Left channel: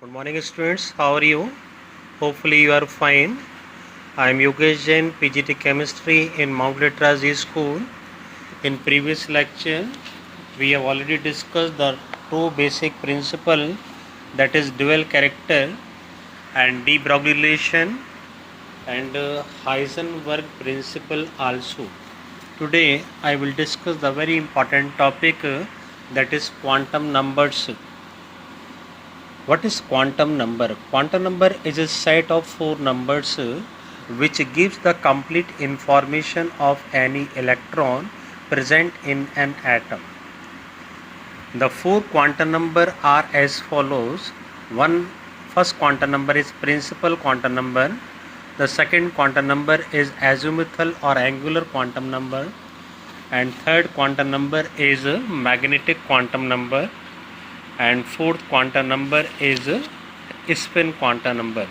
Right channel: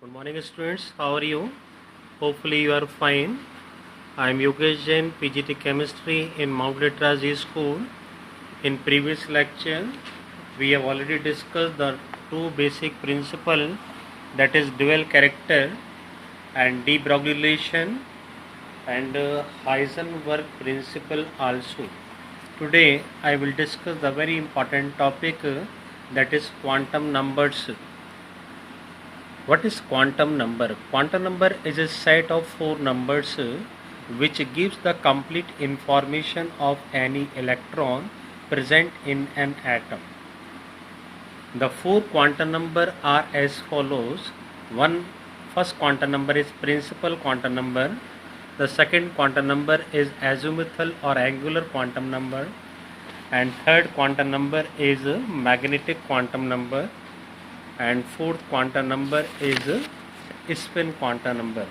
Good morning, students. How are you? Hopefully, you are fine. I am Yogesh Jain, PGT Chemistry in Mount Literacy School. In previous lecture, we have already discussed the two basic principles, that is dual character and de Broglie and Heisenberg principle also. Today, I will discuss the very important topic that is quantum numbers. What is quantum number? Quantum number is a set of four numbers which gives the complete information of any electron present in an atom. The four quantum number are as follows. First quantum number is principal quantum number. The second quantum number is azimuthal or angular quantum number. And third quantum number is magnetic quantum number. And fourth quantum number is spin quantum number.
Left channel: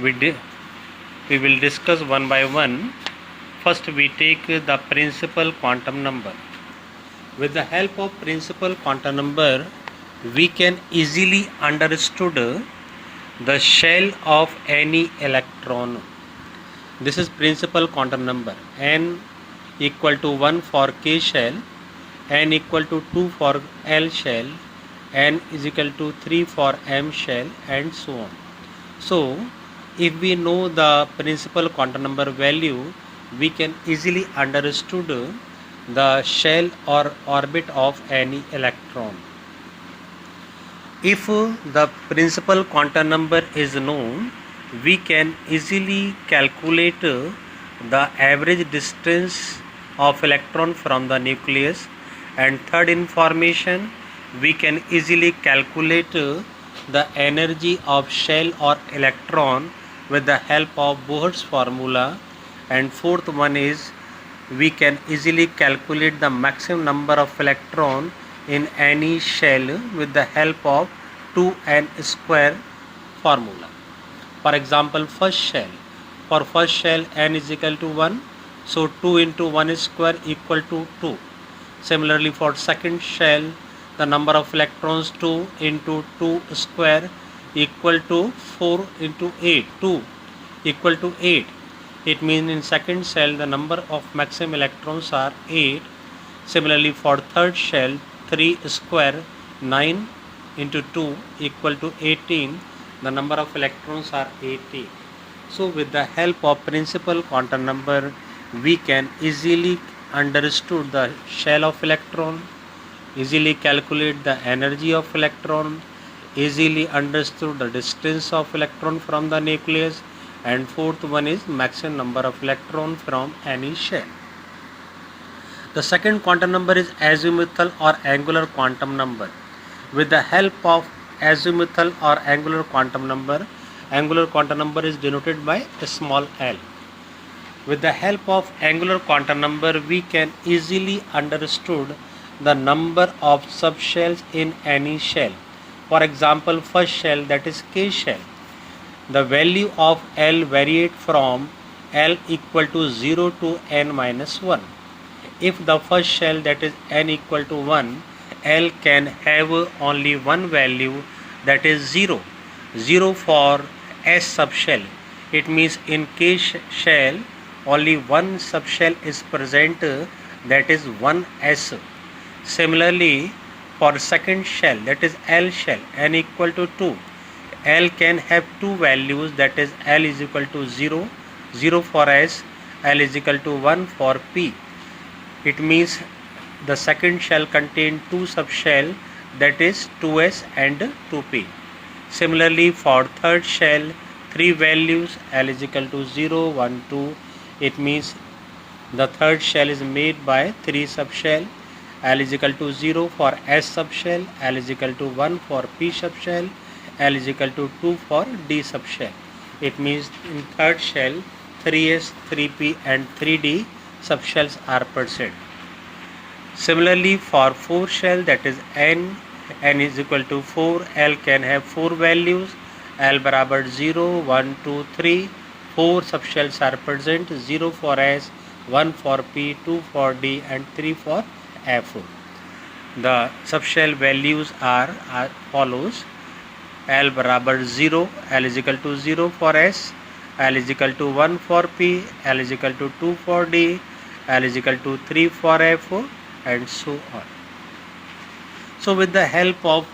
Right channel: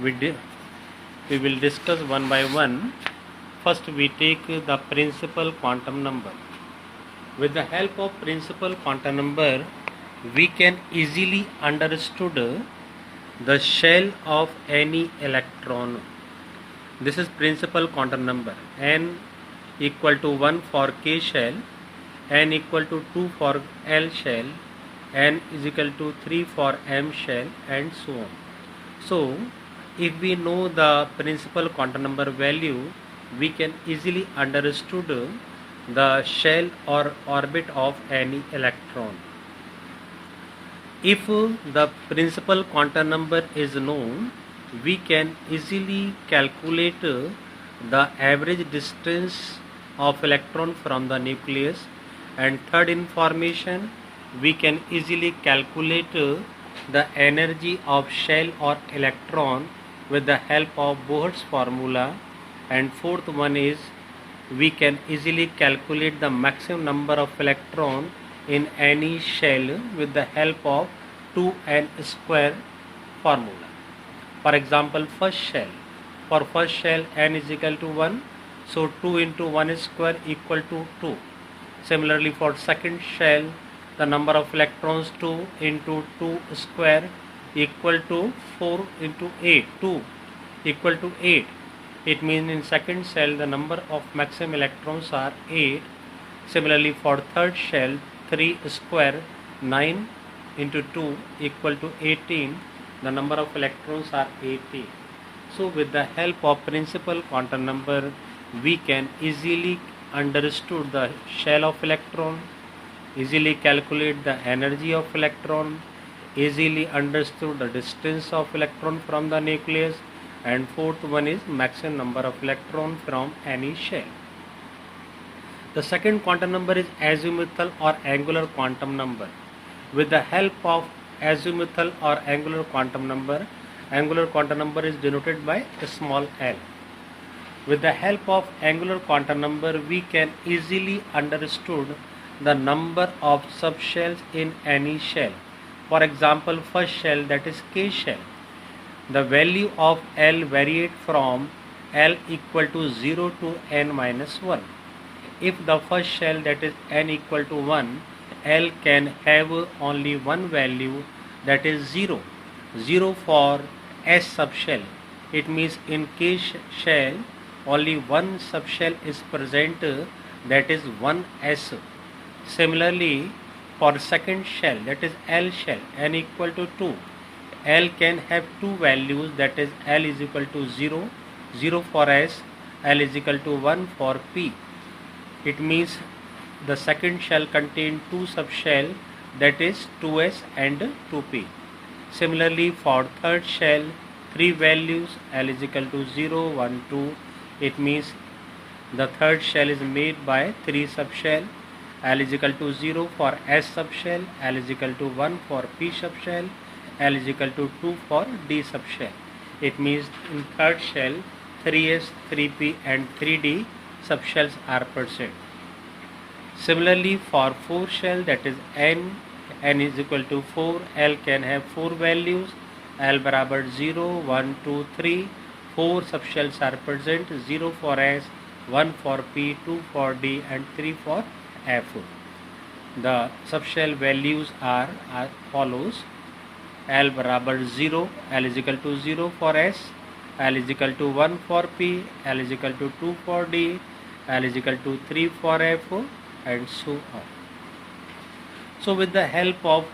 We will discuss one by one. First we take the principal quantum number. With the help of principal quantum number, we can easily understood the shell of any electron. This is principal quantum number. N equal to 1 for K shell, N equal to 2 for L shell, N is equal to 3 for M shell, and so on. So, if we know the principal quantum number value, we can easily understood the shell or orbit of any electron. If the principal quantum number is known, we can easily calculate the average distance of electron from the nucleus. And third information, we can easily calculate the energy of shell or electron with the help of Bohr's formula. And fourth one is we can easily calculate the maximum number of electron in any shell with the help of 2n square formula. For example, first shell. For first shell n is equal to 1, so 2 into 1 square equal to 2. Similarly, for second shell, the number of electrons 2 into 2 square equal to 4 into 8, 2 equal to 8. It means in second shell the number of maximum electrons are 8. Similarly, for third shell, 3 square 9 into 2 equal to 18. The number of electrons are 18. So with the help of principal quantum number, we can easily understood the shell of electron, easily calculate the energy of electron, easily understood the distance of electron from the nucleus, and fourth one is maximum number of electron from any shell. The second quantum number is azimuthal or angular quantum number. With the help of azimuthal or angular quantum number is denoted by a small l. With the help of angular quantum number, we can easily understood the number of subshells in any shell. For example, first shell, that is K shell. The value of L varied from L equal to 0 to n minus 1. If the first shell, that is n equal to 1, L can have only one value, that is 0. 0 for S subshell. It means in K shell, only one subshell is present, that is 1s. Similarly, for second shell, that is L shell, n equal to 2, L can have two values, that is L is equal to 0, 0 for S, L is equal to 1 for P. It means the second shell contains two subshell, that is 2s and 2p. Similarly, for third shell, three values, L is equal to 0, 1, 2. It means the third shell is made by three subshell. L is equal to 0 for S subshell, L is equal to 1 for P subshell, L is equal to 2 for D subshell. It means in third shell, 3s, 3p and 3d subshells are present. Similarly, for fourth shell, that is n is equal to 4, L can have four values, L barabar 0, 1, 2, 3. 4 subshells are present, 0 for S, 1 for P, 2 for D and 3 for F. The subshell values are as follows. L बराबर 0, L is equal to 0 for S, L is equal to 1 for P, L is equal to 2 for D, L is equal to 3 for F, and so on. So with the help of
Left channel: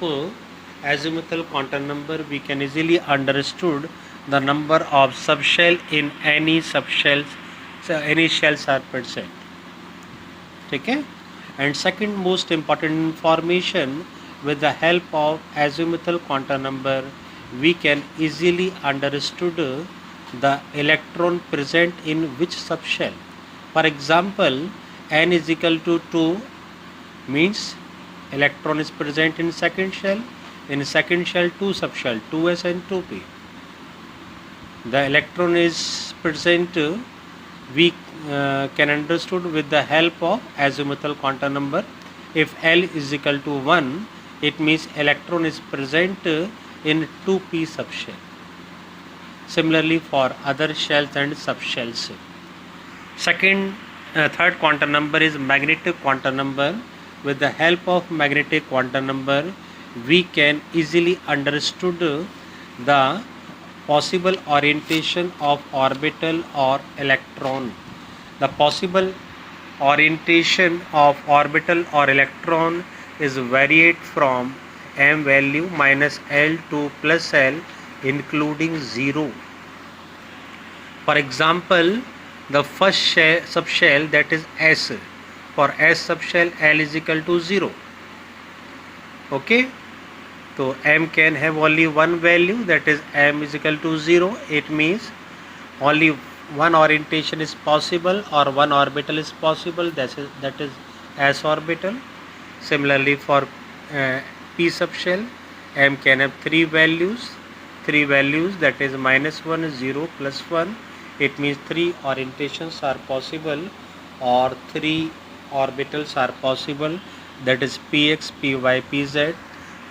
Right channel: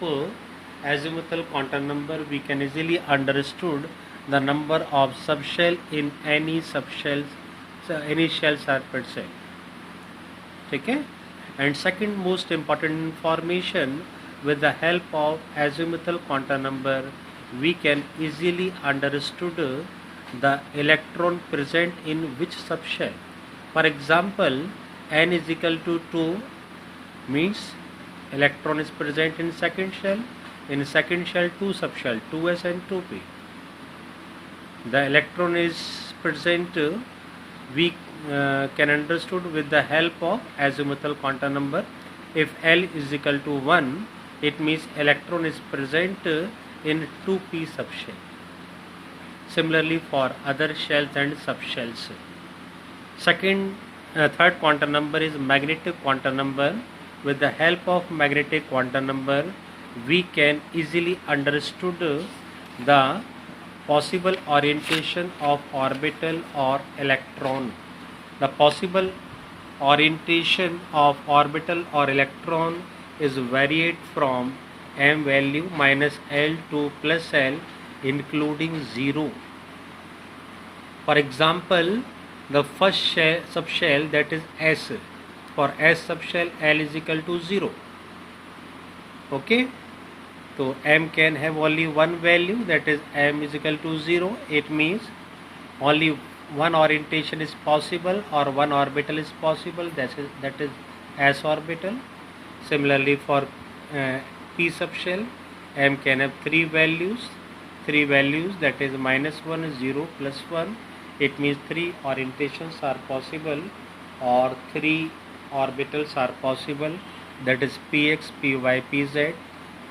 azimuthal quantum number, we can easily understood the number of subshell in any subshells, so any shells are present. Okay? And second most important information, with the help of azimuthal quantum number, we can easily understood the electron present in which subshell. For example, n is equal to 2 means electron is present in second shell. In second shell, 2 subshell, 2s and 2p. The electron is present, we can understood with the help of azimuthal quantum number. If L is equal to 1, it means electron is present in 2p subshell. Similarly for other shells and subshells. Third quantum number is magnetic quantum number. With the help of magnetic quantum number, we can easily understood the possible orientation of orbital or electron. The possible orientation of orbital or electron is varied from m value minus L to plus L, including 0. For example, the first subshell, that is S. For S subshell, L is equal to 0. Okay, so m can have only one value, that is m is equal to 0. It means only one orientation is possible or one orbital is possible, that is S orbital. Similarly for p subshell, m can have three values, that is minus 1, 0, plus 1. It means three orientations are possible or three orbitals are possible, that is px, py, pz.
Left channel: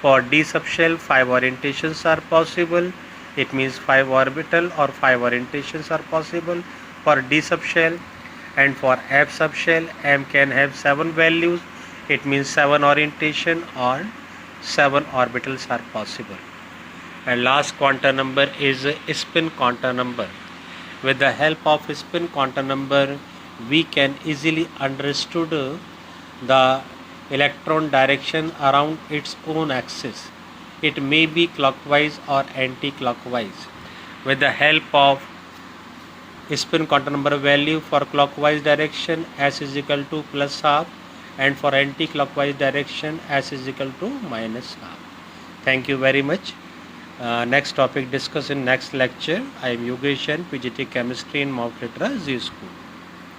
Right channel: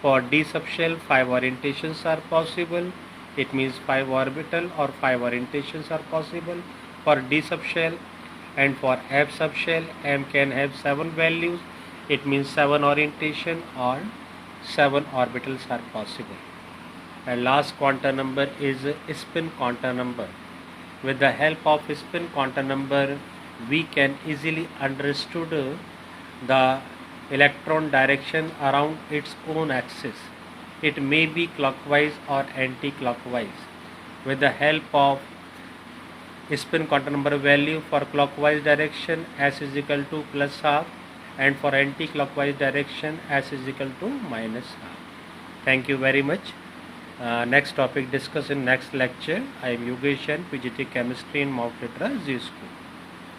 For d subshell, 5 orientations are possible, it means 5 orbital or 5 orientations are possible for d subshell. And for f subshell, m can have 7 values, it means 7 orientation or 7 orbitals are possible. And last quantum number is spin quantum number. With the help of spin quantum number, we can easily understood the electron direction around its own axis. It may be clockwise or anti-clockwise. With the help of spin quantum number value, for clockwise direction, s is equal to plus half, and for anti-clockwise direction, s is equal to minus half. Thank you very much. Next topic discussed in next lecture. I am Yogesh Jain, PGT Chemistry in Mount Litra Z School.